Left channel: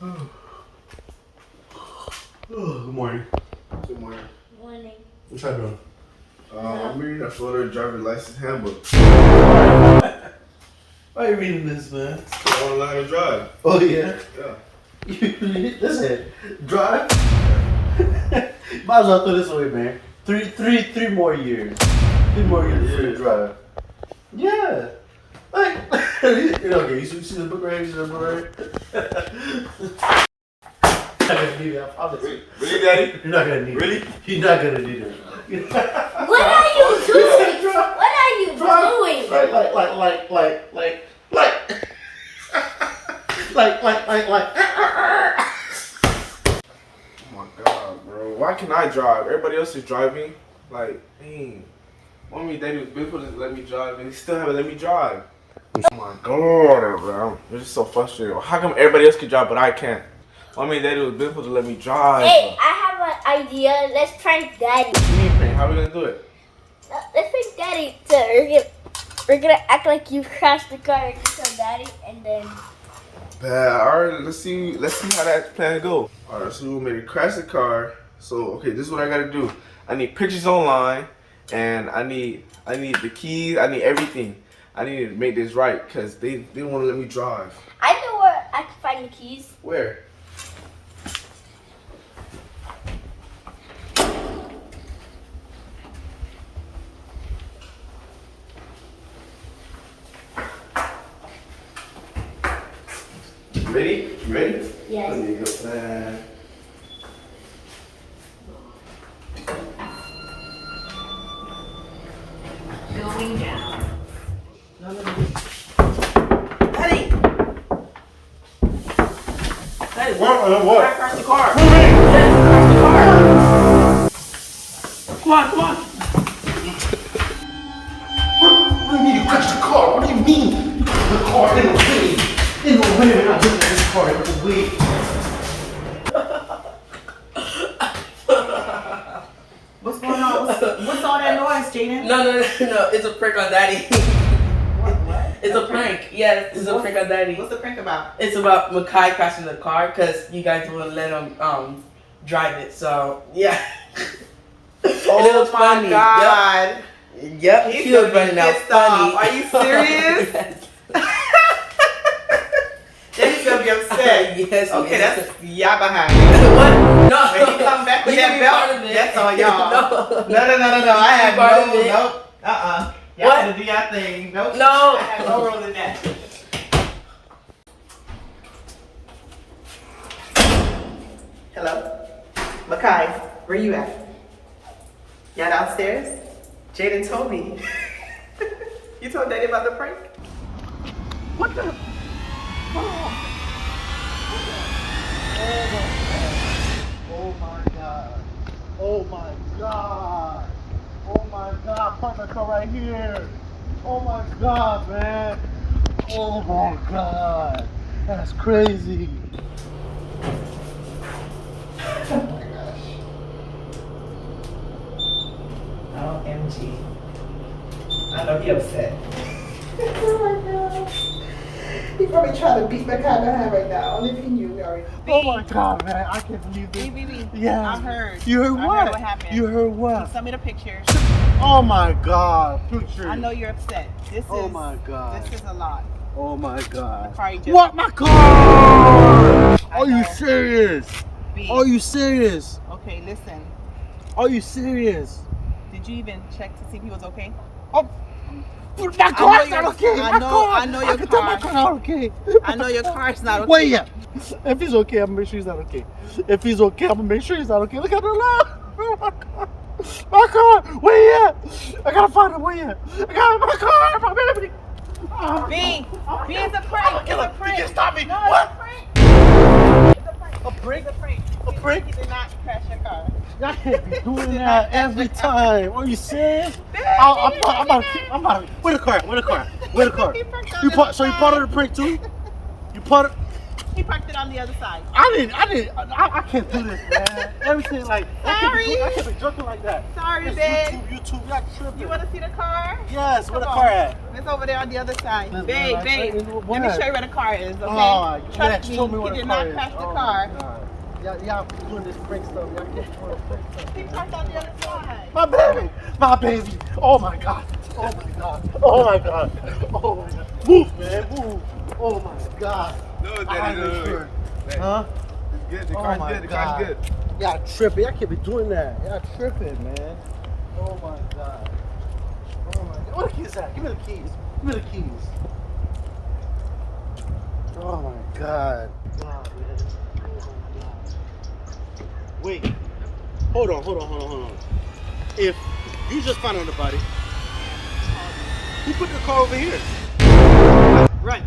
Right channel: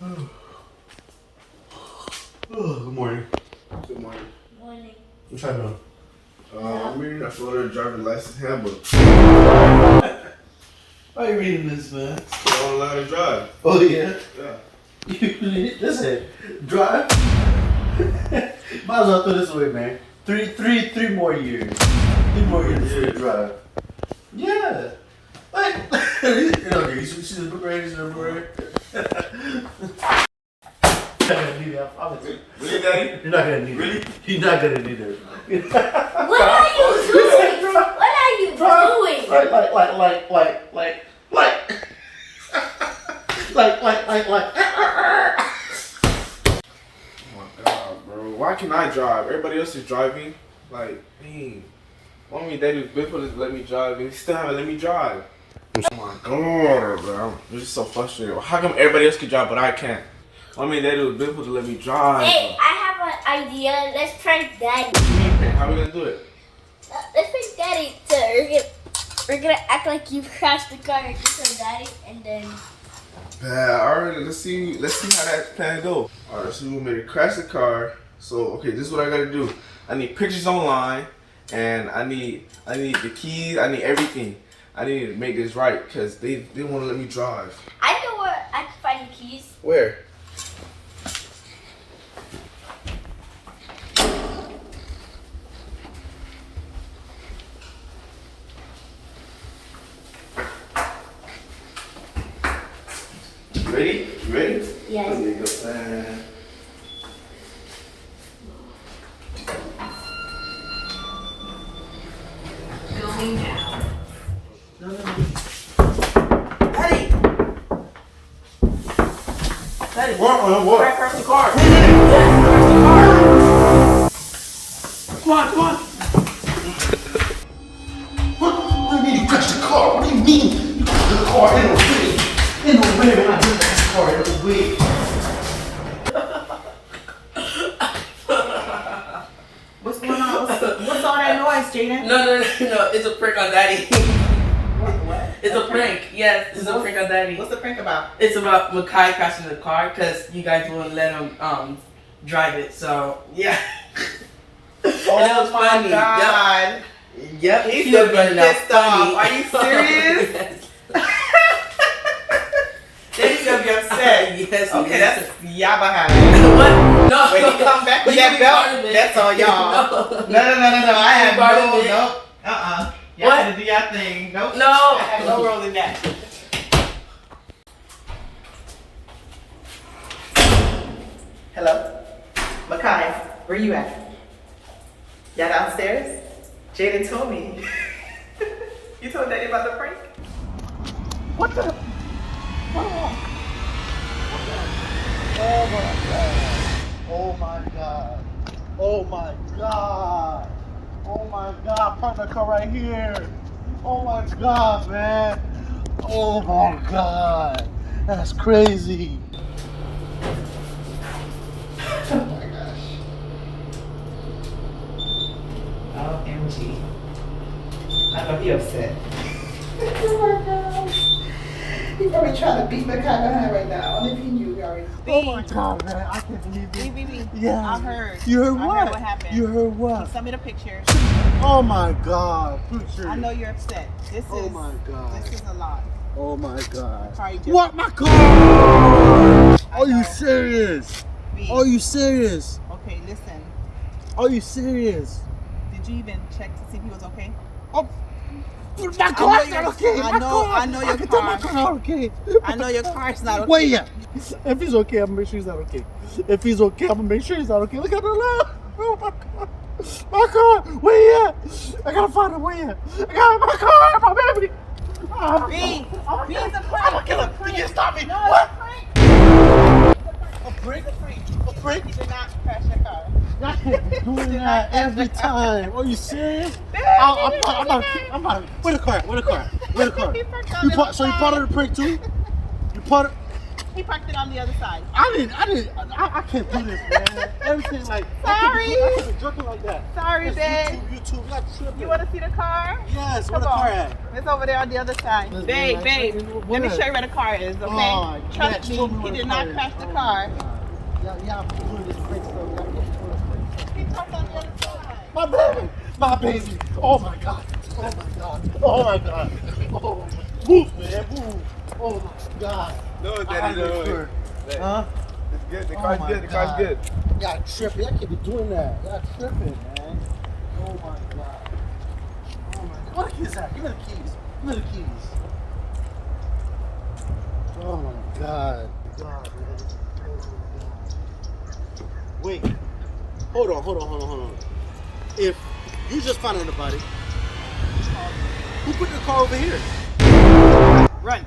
Good morning. Good morning. Morning. What y'all doing? I'm reading a Florida driver's license handbook. Why are you reading this, man? I want to learn how to drive. Oh, yeah? Yeah. Listen, drive. Might as well throw this away, man. Three more years. 3 more years before you drive. Yeah. Like, okay, you see the book right here? You see the book right here? You're not gonna need that. Really, Daddy? You're not gonna need Really? it. You're not gonna need it. What are you doing? What are you doing? Like. Oh my God, bro. Why can't I drive? Everybody else is driving. Like, dang. Mommy and Daddy was good for to let me drive, and they still haven't let me drive. Oh my God, bro. I'm just so frustrated. How come everybody else can drive, but I can't? Mommy and Daddy was beautiful to let me drive. Hey, I have an idea. Let's prank Daddy. How are we gonna do it? Let's prank Daddy. So we're gonna act like you crashed the car and you tell Daddy, and then. Alright, let's see how that plan go. Alright, so we made it crash the car. So okay, this is what I gotta do. I need pictures online, and I need the keys. I need everything. I need to make this right because they didn't want to let me drive. I know where I can find the keys. Where? Ready? You ready? Yes. There you go, man. Going down. Daddy! Daddy, What? I crashed the car. Come on. What do you mean you crashed the car? What do you mean you crashed the car in the way? In the way, man. I just crashed this car in the way. What's going on? What's all that noise, Jaden? No, it's a prank on Daddy. What? It's a prank. Yes, it's a prank on Daddy. What's the prank about? It's about Mekhi crashing the car because you guys wouldn't let him drive it. So yeah. And it was funny. God. Yep. He's still running out pissed off. funny. Are you serious? Yes. Daddy's gonna be upset. Yes. Okay, yes. that's y'all behind. What? No. When he come back with You that can be part belt, of it. that's on y'all. No. No. I have Part of it. no. Y'all What? gotta do y'all thing. Nope. No. I have no role in that. Hello? Mekhi, where you at? Y'all downstairs? Jaden told me. You told Daddy about the prank? What the? Oh my God. Park the car right here. Oh my God, man. Oh my God. That's crazy. OMG. I know he upset. Oh my God. He's probably trying to beat Mekhi behind right now. Only if he knew we already. Oh my God, man. I can't believe this. B. Yeah. I heard. You heard I what? heard what happened. You heard He what? sent me the picture. Oh my God. Picture. I know you're upset. Oh my God. This is a lot. Oh my God. Car you just- What? My car? I Are you know. serious? B. Are you serious? Okay, listen. Are you serious? Did you even check to see if he was okay? Oh, my know car's your- not okay. I My know- car. I know your I can tell my car. car's not okay. I know your car's not okay. Wait, yeah. If he's okay, I'm gonna make sure he's not okay. If he's okay, I'm gonna make sure he's not okay. Look at the light. Oh my God. My car. Where he at? I gotta find him. Where he at? I got my car. My baby. Oh, B, oh, B is a I'm prank. gonna It's kill a him. prank. He can't stop me. No, What? it's a prank. It's a prank. A prank? It's a prank. A prank? He did not crash your car. I can't be doing that every time. Are you serious? I'm about to. Where the car? Where the car? He forgot You his part. So you car. part of the prank too? You part of. He parked it on the other side. I can't do this, man. Everything like, I can't be jerking like that. Sorry, It's babe. YouTube, y'all tripping. You want to see the car? Yes, where Come the on. car at? It's over there on the other side. Listen, Babe, man, babe, let me show you where the car is, okay? Oh, Trust Max, me, tell where he the did car not is. crash the Oh, car. my God. Y'all doing this prank stuff. Y'all can't do this prank stuff. He parked on the other side. My baby, my baby. Oh my God. Oh my God. Oh my God. Oh my God. Move, man, move. Oh my God. No, I Daddy, make no. sure. Daddy. Huh? It's good. The Oh car's my good. The car's God. good. Y'all tripping. Y'all can't be doing that. Y'all tripping, man. Oh my God. Oh my God. Where the keys at? Give me the keys. Give me the keys. Oh my God. God, man. Oh my God. Wait. Hold on. If you just found out about it, who put the car over here? Right.